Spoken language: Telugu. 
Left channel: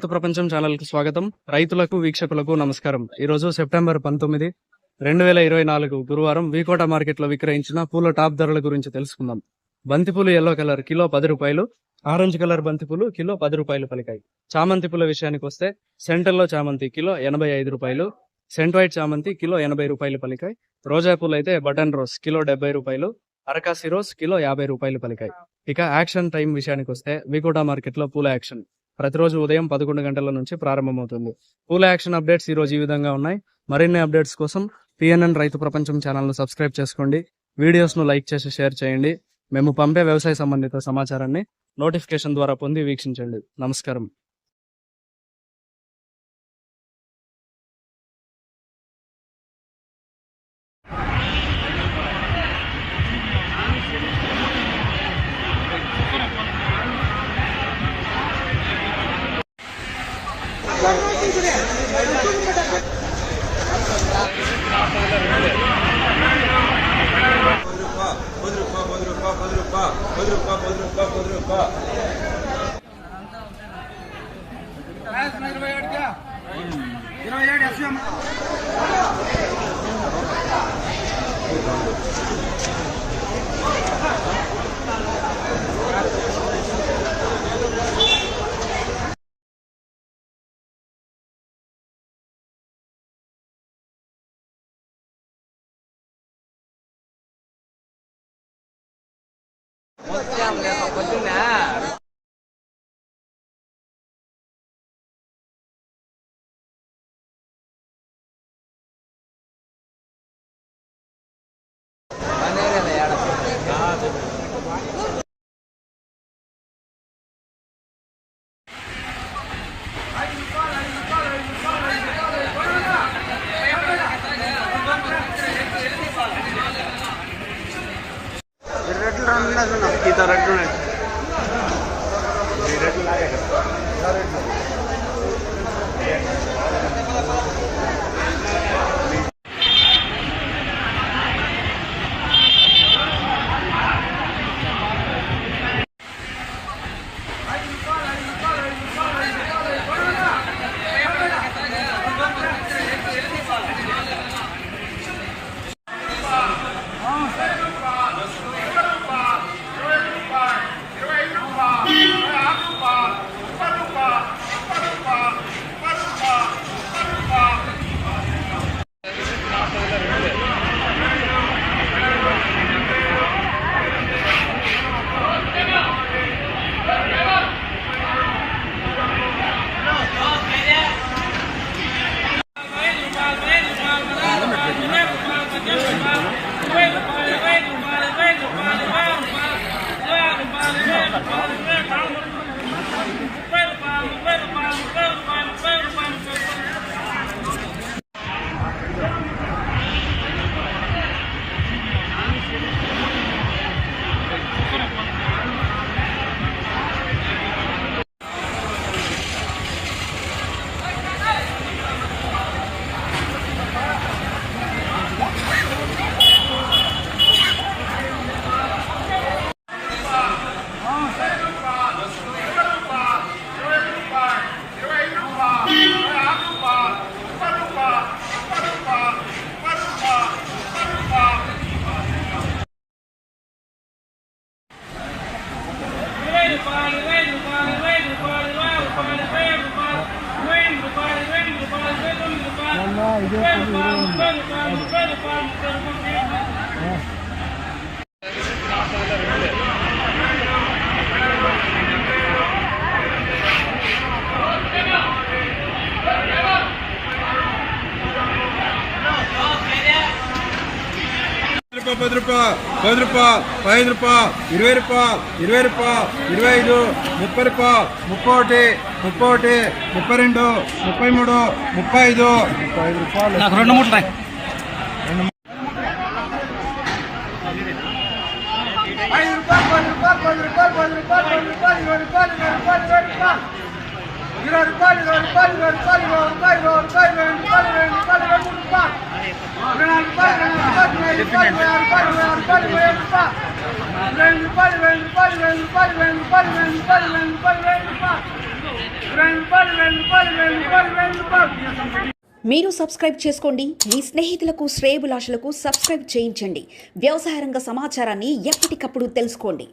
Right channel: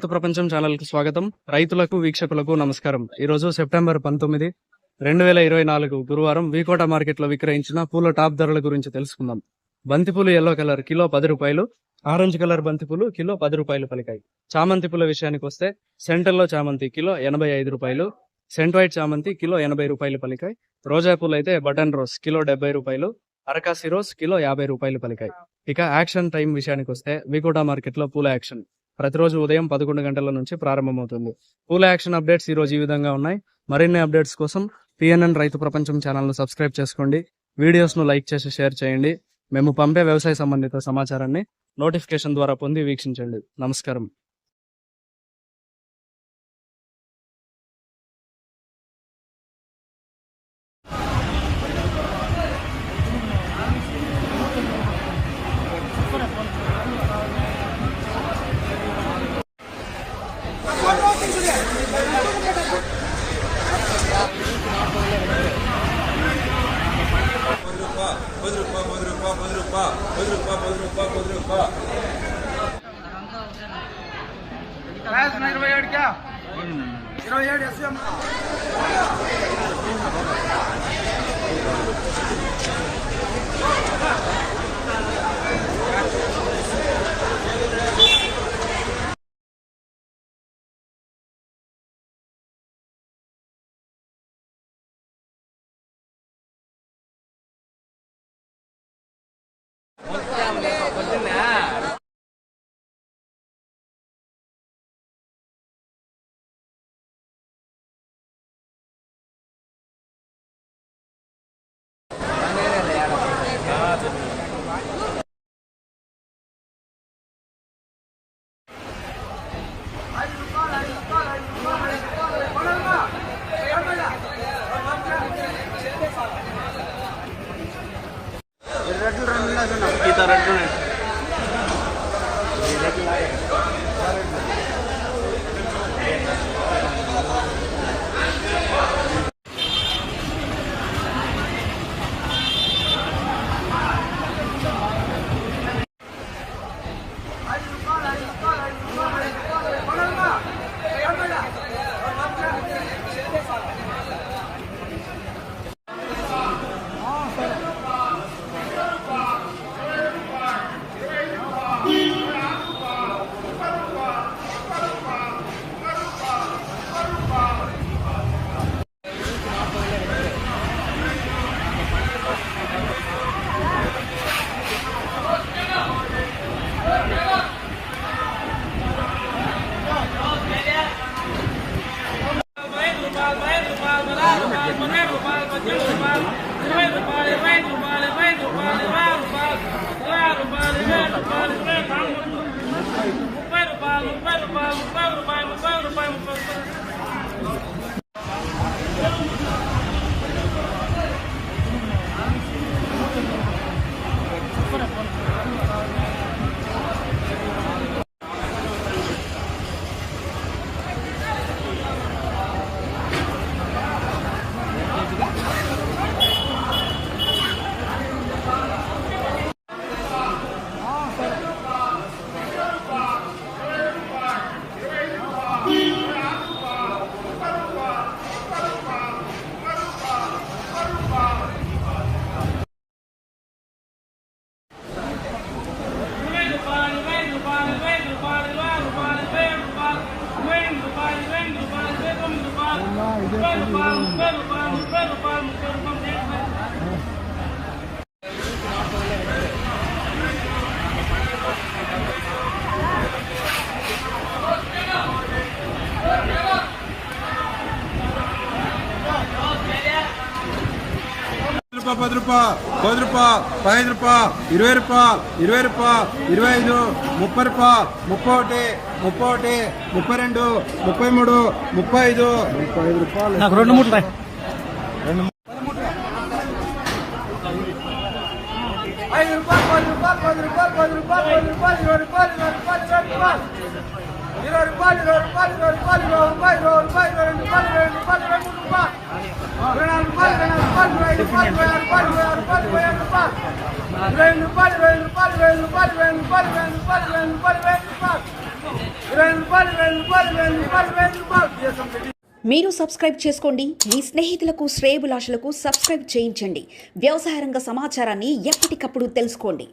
రైతు ప్రపంచం ఛానల్ కు స్వాగతం. రైతులకు వీక్షకులకు నమస్కారం. ఈ రోజు సెప్టెంబర్ 19, 2024 గురువారం వీకోట మార్కెట్ లో విక్రయించిన పూల టాప్ ధరల గురించి తెలుసుకుందాం. బంతిపూలు ఎల్లో కలర్ కిలో 10 రూపాయలు, ఆరెంజ్ కలర్ బంతిపూలు కిలో 10 రూపాయలు పలికాయి. చామంతి పూల విషయానికి వస్తే సెంటర్లో చామంతి కిలో 85 రూపాయలు, సెంట్ వైట్ చామంతి కిలో 80 రూపాయలు పలికాయి. రోజా పూలు అయితే బటన్ రోజ్ కిలో 70 రూపాయలు, అరకాసి రోజ్ కిలో 50 రూపాయలు పలికాయి. ఇక యాక్షన్ టైం విషయానికి వస్తే వీకోట మార్కెట్ లో పూల యాక్షన్ ప్రతిరోజు ఉదయం 11 గంటల నుంచి ప్రారంభమవుతుంది. పూల యాక్షన్ అప్డేట్స్ ఈ రోజు ఈ విధంగా ఉన్నాయి. మరిన్ని అప్డేట్స్ కోసం పిఎన్ఎన్ రైతు ప్రపంచం ఛానల్ ను సబ్స్క్రైబ్ చేసుకోండి. వీడియోస్ ను లైక్ చేసి షేర్ చేయండి. మేము పంపే వ్యవసాయ సంబంధిత సమాచారాన్ని నోటిఫికేషన్ ద్వారా పొంది వీక్షించండి. నమస్కారం. ₹10, ₹10, ₹5, ₹20, ₹20, ₹25, ₹30, ₹31, ₹32, ₹33, ₹35. నాకు 2 మూటలు రాయి. మీరు సబ్స్క్రైబ్ చేసుకోండి. మీ స్నేహితులకు శ్రేయోభిలాషులకు సబ్స్క్రైబ్ చేయించండి. వ్యవసాయ రంగ సమాచారాన్ని ఎప్పటికప్పుడు తెలుసుకోండి.